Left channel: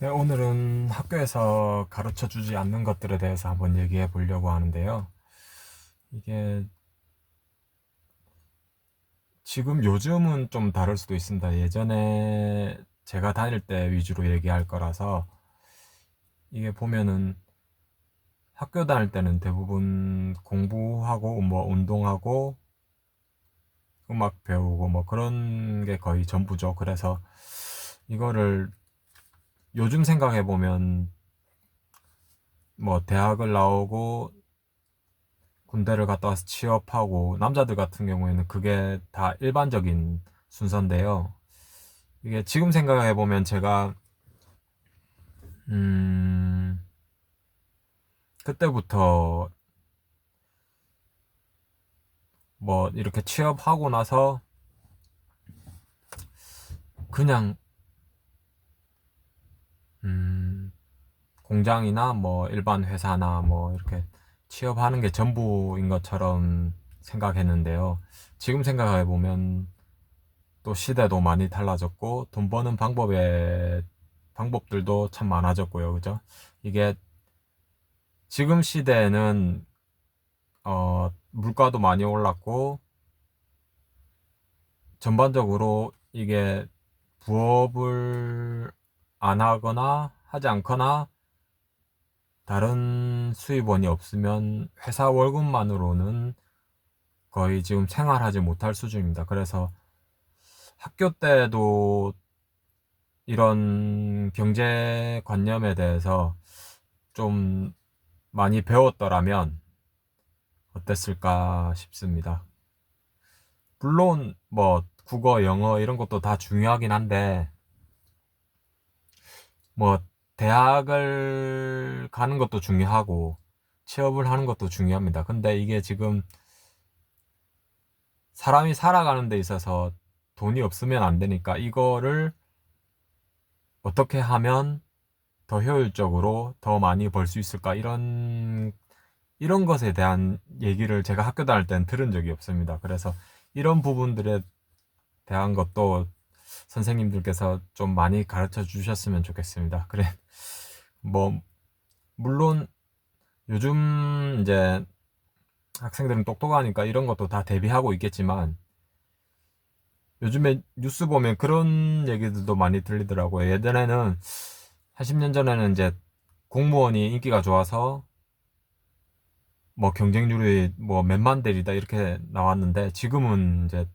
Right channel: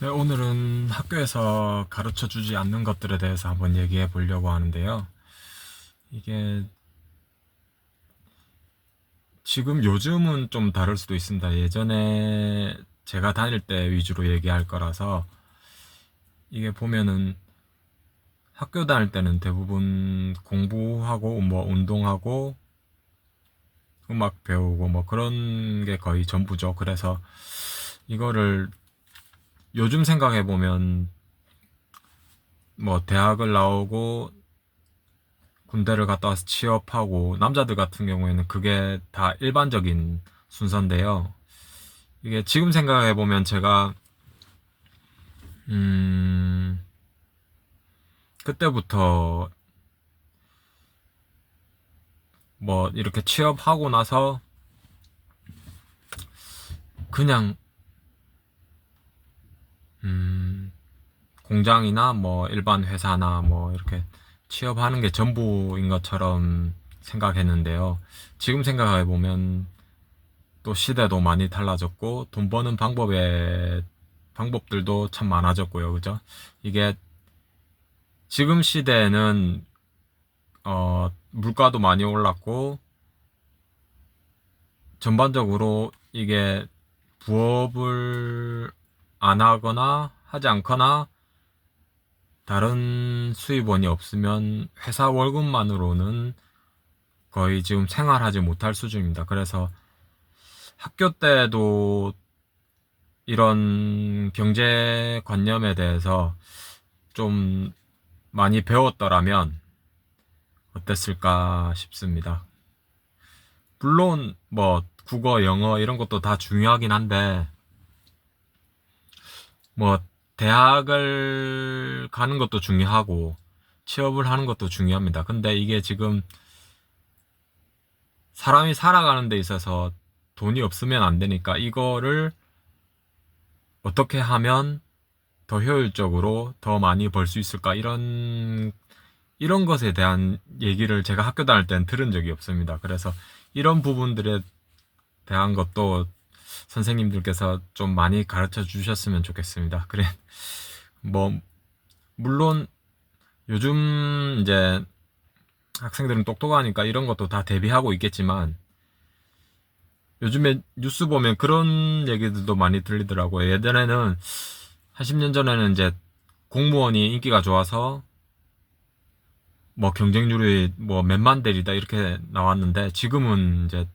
네, 오늘은 학교에서 가르쳐 주지 않는 것들에 대해서 한번 얘기해 보려고 하는데요. 이게 지금 요즘은 좀 다를 수도 있습니다. 예전에 제가 다닐 때 위주로 얘기할 거라서 이게 보면은 학교 다닐 때는 대부분 공부하고 뭐 운동하고 음악 배우고 뭐 그런 게 거의 전부죠. 그래서 이거를 요즘 생각해 보면 뭐 대학을 나오고 군대를 갔다 와서 취업하고 남자들 같은 경우에는 그게 다 일반적인 순서인데요. 이게 지금 생각해 보면 제가 음 그때부터 뭐 이렇게 취업하고 나서 그냥 음 공장이나 뭐 일반 회사나 뭐 이렇게 취업하는 게 전부인 것처럼 생각했는데요. 지금 생각해 보면 또 시대도 많이 달라졌고 돈 버는 방법들도 참 많아졌고요. 그죠? 이게 지금 시대에는 물가도 많이 올랐고 전반적으로 이게 부업을 안 하거나 하지 않거나 다른 수입원이 없으면 회사 월급만으로는 거의 지금 생활하지 못할 수준입니다. 그래서 학교 때도 이런 경제관념에 대해서 좀 많이 배웠더라면 어땠을까 싶습니다. 물론 뭐 국어, 영어 이런 것도 다 중요하긴 한데 뭐 대학을 가는 것도 중요하고 취업을 하는 것도 중요합니다. 근데 이게 지금 사람이 살아가는 데 있어서 돈이 없으면 안 되니까 이거를 어떻게 하면 더 효율적으로 더 많이 벌 수 있을까 이런 것에 대한 얘기를 제가 학교 다닐 때는 들은 적이 없습니다. 그래서 이런 부분들에 대한 것도 선생님들께서 좀 많이 가르쳐 주셨으면 좋겠습니다. 그래, 뭐, 물론 요즘 이제 학생들은 똑똑하니까 이런 것도 다 대비하고 있겠지만 요즘에 뉴스 보면 그런 얘기들도 많이 들리더라고요. 예전에는 한 10년 전에는 이제 공무원이 인기가 좋아서 뭐 경쟁률이 뭐 몇만 대리다 이렇게 나왔는데 지금은 이제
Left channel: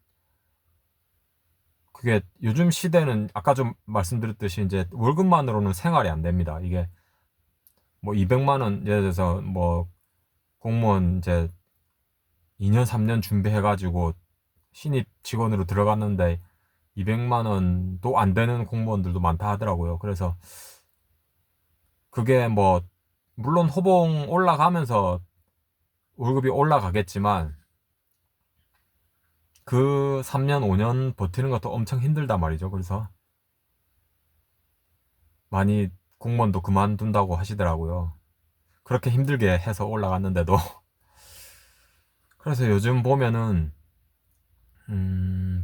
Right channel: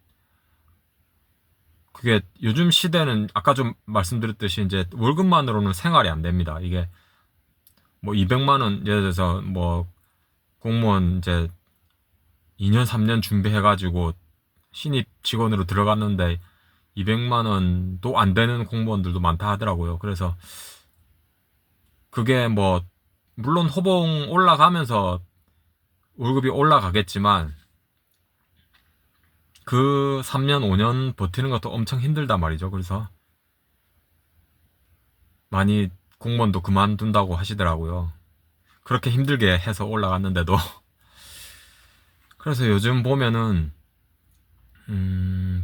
그게 요즘 시대는 아까 좀 말씀드렸듯이 이제 월급만으로는 생활이 안 됩니다. 이게 뭐 200만 원 예를 들어서 뭐 공무원 이제 2년 3년 준비해가지고 신입 직원으로 들어갔는데 200만 원도 안 되는 공무원들도 많다 하더라고요. 그래서 그게 뭐 물론 호봉 올라가면서 월급이 올라가겠지만 그 3년 5년 버티는 것도 엄청 힘들단 말이죠. 그래서 많이 공무원도 그만둔다고 하시더라고요. 그렇게 힘들게 해서 올라갔는데도 그래서 요즘 보면은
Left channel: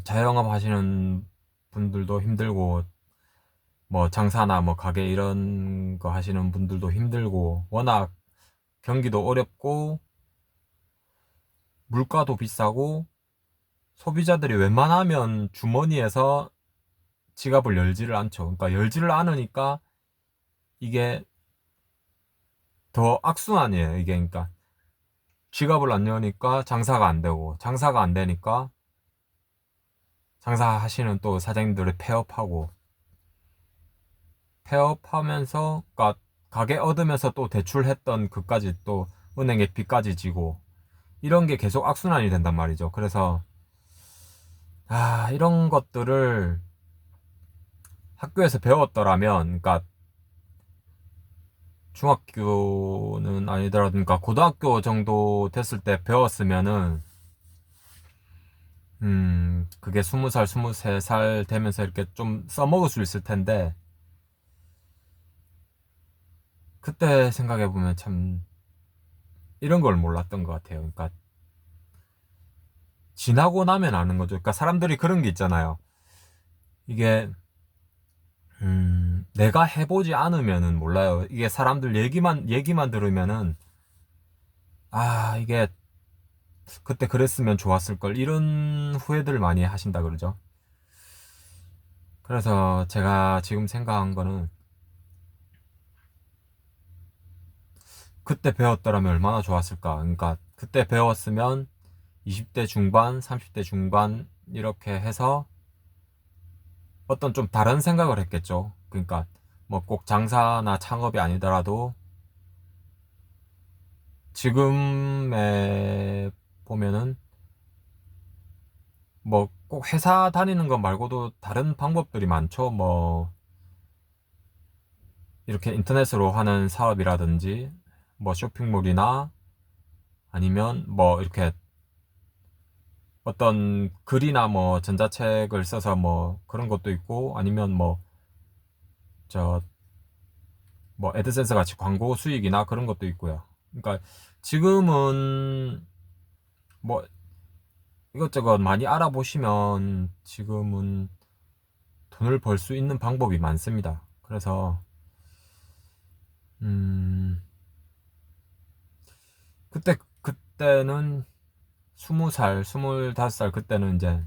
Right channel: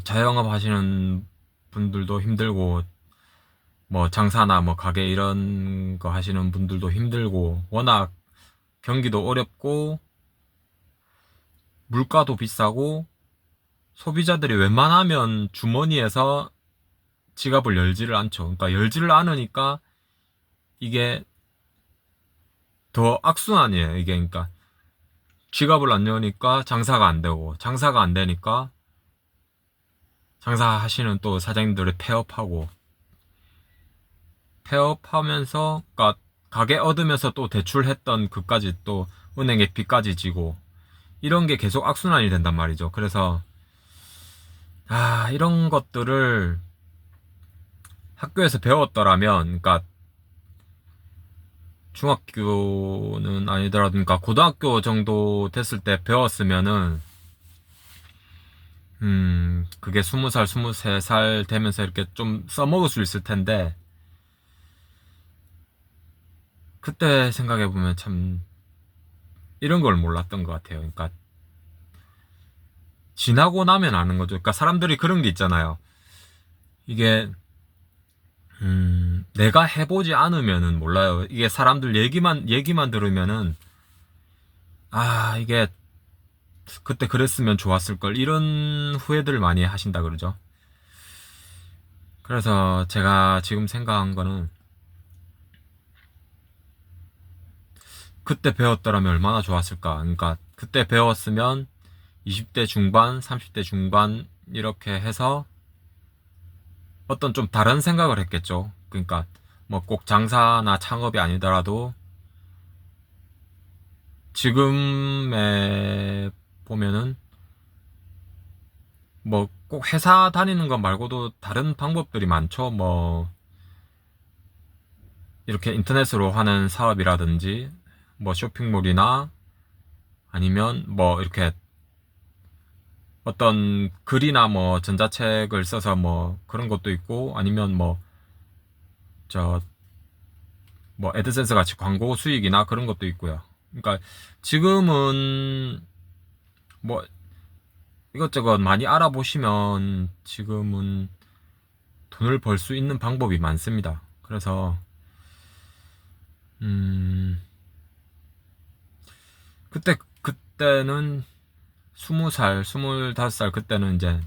자영업 하시는 분들도 힘들고 뭐 장사나 뭐 가게 이런 거 하시는 분들도 힘들고 워낙 경기도 어렵고 물가도 비싸고 소비자들이 웬만하면 주머니에서 지갑을 열지를 않죠. 그러니까 열지를 않으니까 이게 더 악순환이에요. 이게 그러니까 지갑을 안 여니까 장사가 안 되고 장사가 안 되니까 장사하시는 또 사장님들이 폐업하고 폐업하면서 그러니까 가게 얻으면서 또 대출했던 그까지 또 은행에 빚까지 지고 이런 게 계속 악순환이 된단 말이죠. 그래서 이런 것들을 학교에서 배웠더라면 그러니까 중학교는 아니더라도 그러니까 고등학교 정도 됐을 때 배웠으면은 그게 20살, 23살 되면서 이렇게 좀 써먹을 수 있을 텐데 그때 생각해 보면 참 이런 걸 몰랐던 것 같아요. 그러니까 지나고 나면 아는 거죠. 그러니까 사람들이 그런 게 있잖아요. 이게 내가 해보지 않으면은 몰라요. 이게 사람들 얘기만 들으면은, 아, 이게 그때 그랬으면 좋았을 걸, 이런 후회들을 많이 하신다 그러죠. 그래서 제가 지금 생각한 거는, 그때 배웠더라면 얼마나 좋았을까. 그러니까 그때 배웠으면 20대 중반, 30대 중반 이렇게 해서 어떤 좀 다른 생각을 했겠죠. 그러니까 뭐 꼭 장사나 창업이 아니더라도 지금에 보면은 뭐 꼭 회사 다니는 것 말고도 다른 방법들이 많죠. 뭐 이렇게 인터넷으로 하는 사업이라든지 뭐 쇼핑몰이나 아니면 뭐 이렇게 어떤 글이나 뭐 전자책을 써서 뭐 그런 것도 있고 아니면 뭐 저 뭐 애드센스 같이 광고 수익이나 그런 것도 있고요. 그러니까 지금은 뭐 이것저것 많이 알아보시면 지금은 돈을 벌 수 있는 방법이 많습니다. 그래서 음 그때는 20살, 25살 그때는 이제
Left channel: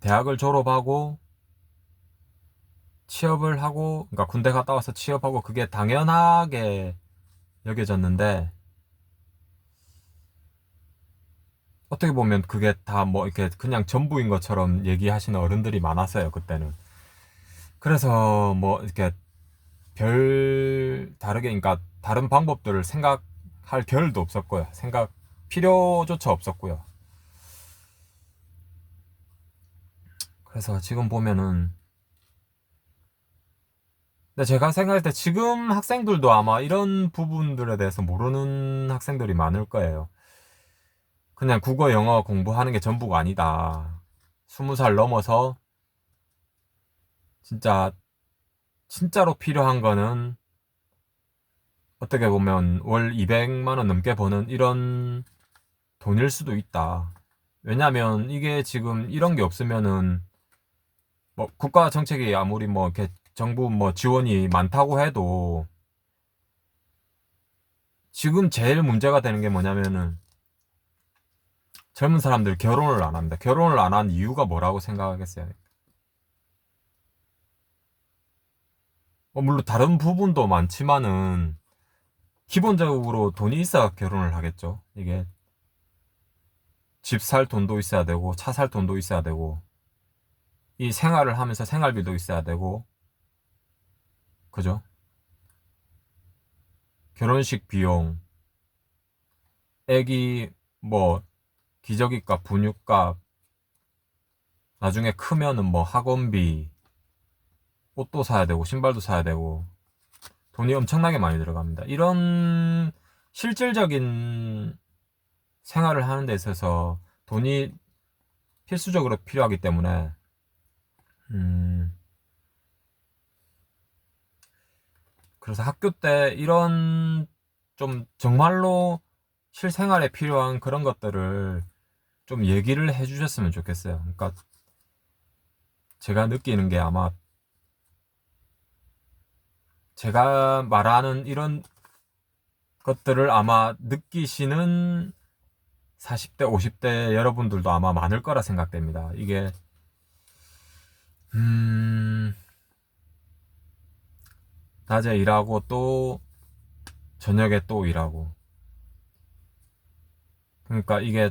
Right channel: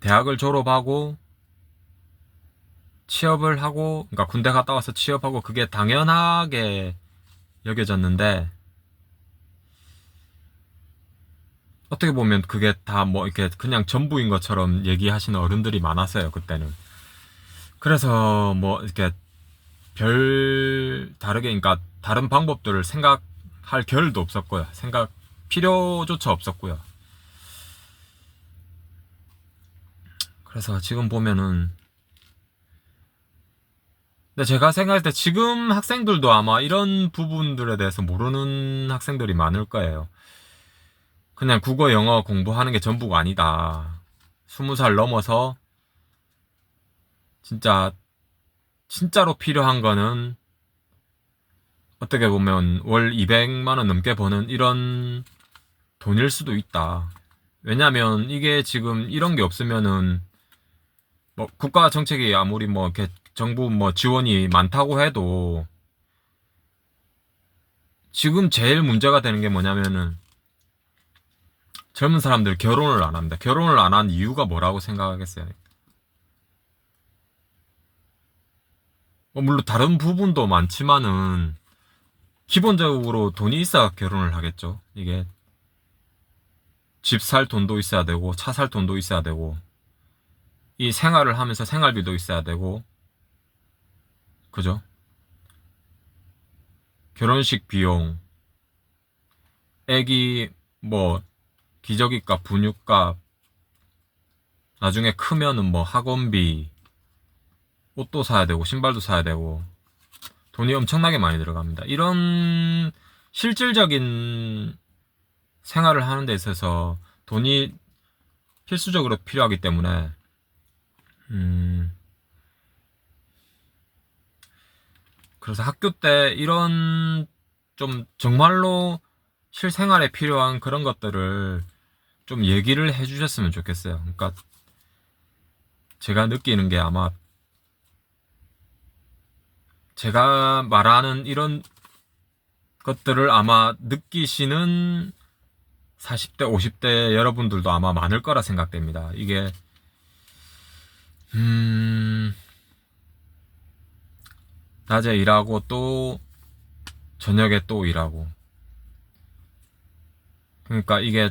대학을 졸업하고 취업을 하고 그러니까 군대 갔다 와서 취업하고 그게 당연하게 여겨졌는데 어떻게 보면 그게 다 뭐 이렇게 그냥 전부인 것처럼 얘기하시는 어른들이 많았어요 그때는. 그래서 뭐 이렇게 별 다르게 그러니까 다른 방법들을 생각할 겨를도 없었고요. 생각 필요조차 없었고요. 그래서 지금 보면은 근데 제가 생각할 때 지금 학생들도 아마 이런 부분들에 대해서 모르는 학생들이 많을 거예요. 그냥 국어, 영어 공부하는 게 전부가 아니다. 20살 넘어서 진짜 진짜로 필요한 거는 어떻게 보면 월 200만 원 넘게 버는 이런 돈일 수도 있다. 왜냐면 이게 지금 이런 게 없으면은 뭐 국가 정책이 아무리 뭐 이렇게 정부 뭐 지원이 많다고 해도 지금 제일 문제가 되는 게 뭐냐면은 젊은 사람들 결혼을 안 한다. 결혼을 안 한 이유가 뭐라고 생각하겠어요? 뭐 물론 다른 부분도 많지만은 기본적으로 돈이 있어야 결혼을 하겠죠. 이게 집 살 돈도 있어야 되고 차 살 돈도 있어야 되고 이 생활을 하면서 생활비도 있어야 되고 그죠? 결혼식 비용, 애기 뭐 기저귀값, 분유값, 나중에 크면은 뭐 학원비, 옷도 사야 되고 신발도 사야 되고 돈이 엄청나게 많이 들어갑니다. 이런 실질적인 생활을 하는 데 있어서 돈이 필수적으로 필요하기 때문에 음 그래서 학교 때 이런 좀 정말로 실생활에 필요한 그런 것들을 좀 얘기를 해주셨으면 좋겠어요. 그러니까 제가 느끼는 게 아마 제가 말하는 이런 것들을 아마 느끼시는 40대, 50대 여러분들도 아마 많을 거라 생각됩니다. 이게 음 낮에 일하고 또 저녁에 또 일하고 그러니까 이게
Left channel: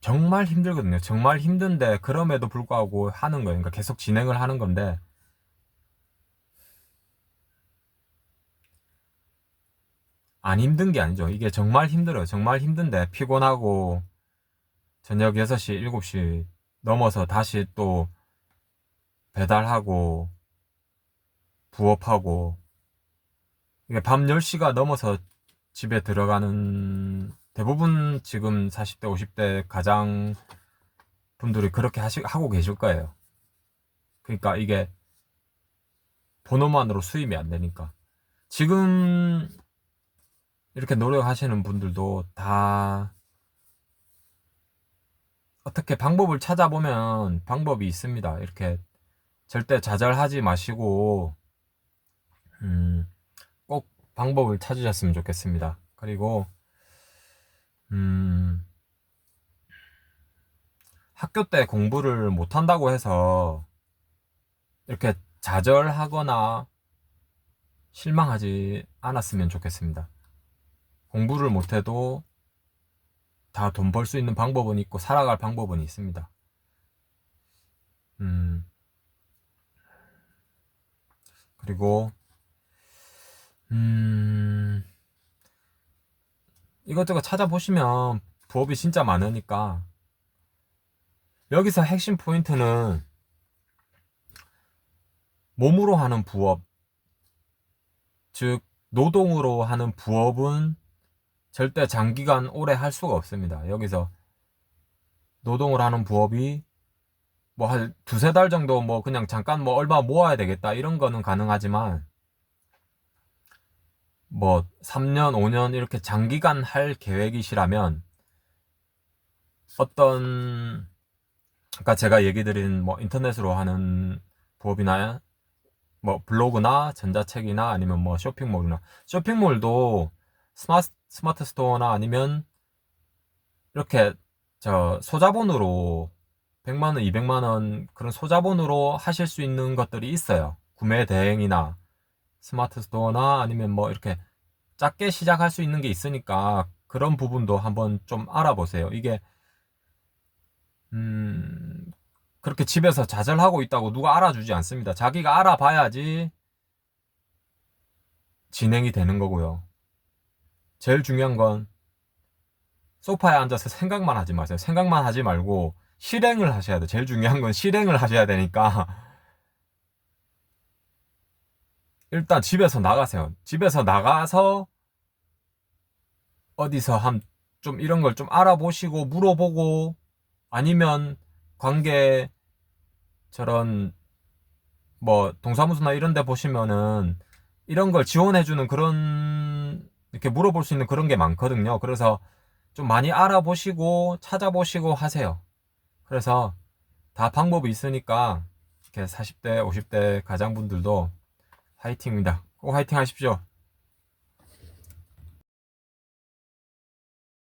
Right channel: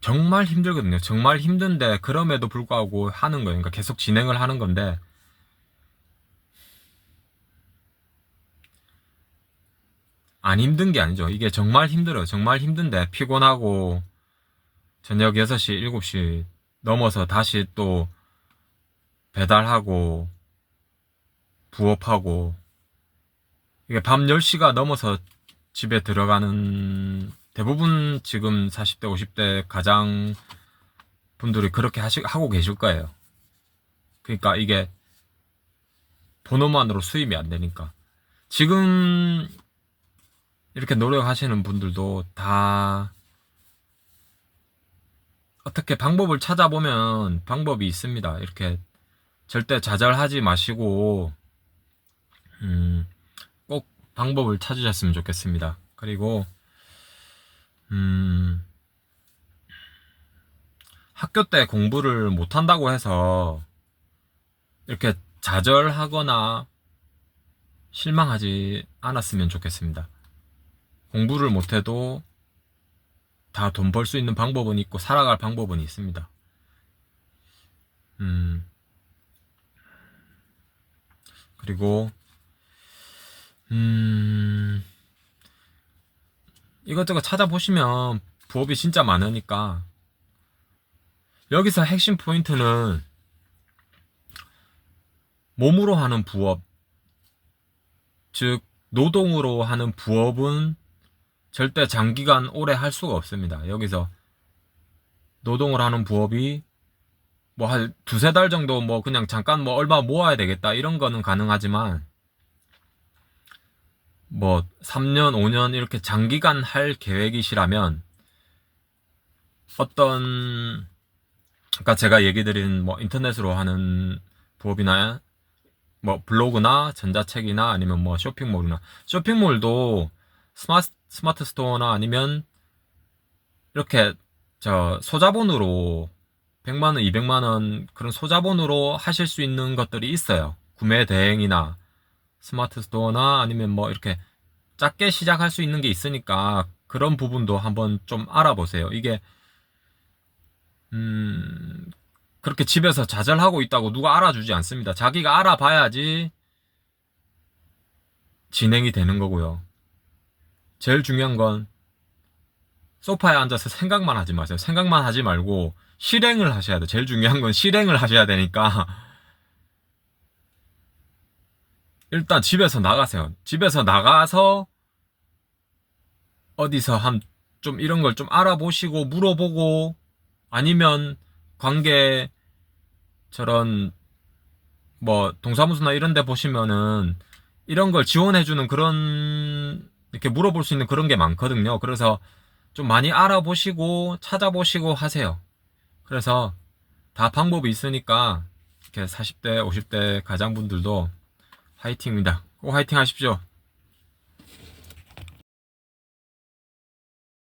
정말 힘들거든요. 정말 힘든데 그럼에도 불구하고 하는 거예요. 그러니까 계속 진행을 하는 건데 안 힘든 게 아니죠. 이게 정말 힘들어요. 정말 힘든데 피곤하고 저녁 6시, 7시 넘어서 다시 또 배달하고 부업하고 이게 밤 10시가 넘어서 집에 들어가는 대부분 지금 40대, 50대 가장 분들이 그렇게 하고 계실 거예요. 그러니까 이게 본업만으로 수입이 안 되니까. 지금 이렇게 노력하시는 분들도 다 어떻게 방법을 찾아보면 방법이 있습니다. 이렇게 절대 좌절하지 마시고 꼭 방법을 찾으셨으면 좋겠습니다. 그리고 학교 때 공부를 못한다고 해서 이렇게 좌절하거나 실망하지 않았으면 좋겠습니다. 공부를 못해도 다 돈 벌 수 있는 방법은 있고 살아갈 방법은 있습니다. 그리고 이것저것 찾아보시면 부업이 진짜 많으니까 여기서 핵심 포인트는 몸으로 하는 부업, 즉 노동으로 하는 부업은 절대 장기간 오래 할 수가 없습니다. 여기서 노동을 하는 부업이 뭐 한 두세 달 정도 뭐 그냥 잠깐 뭐 얼마 모아야 되겠다 이런 거는 가능하지만 뭐 3년, 5년 이렇게 장기간 할 계획이시라면 어떤 아까 제가 얘기 드린 뭐 인터넷으로 하는 부업이나 뭐 블로그나 전자책이나 아니면 뭐 쇼핑몰도 스마트 스토어나 아니면 이렇게 저 소자본으로 100만원, 200만원 그런 소자본으로 하실 수 있는 것들이 있어요. 구매 대행이나 스마트 스토어나 아니면 뭐 이렇게 작게 시작할 수 있는 게 있으니까 그런 부분도 한번 좀 알아보세요. 이게 그렇게 집에서 좌절하고 있다고 누가 알아주지 않습니다. 자기가 알아봐야지 진행이 되는 거고요. 제일 중요한 건 소파에 앉아서 생각만 하지 마세요. 생각만 하지 말고 실행을 하셔야 돼요. 제일 중요한 건 실행을 하셔야 되니까 일단 집에서 나가세요. 집에서 나가서 어디서 좀 이런 걸 좀 알아보시고 물어보고 아니면 관계 저런 뭐 동사무소나 이런 데 보시면은 이런 걸 지원해주는 그런 이렇게 물어볼 수 있는 그런 게 많거든요. 그래서 좀 많이 알아보시고 찾아보시고 하세요. 그래서 다 방법이 있으니까 이렇게 40대, 50대 가장분들도 화이팅입니다. 꼭 화이팅 하십시오.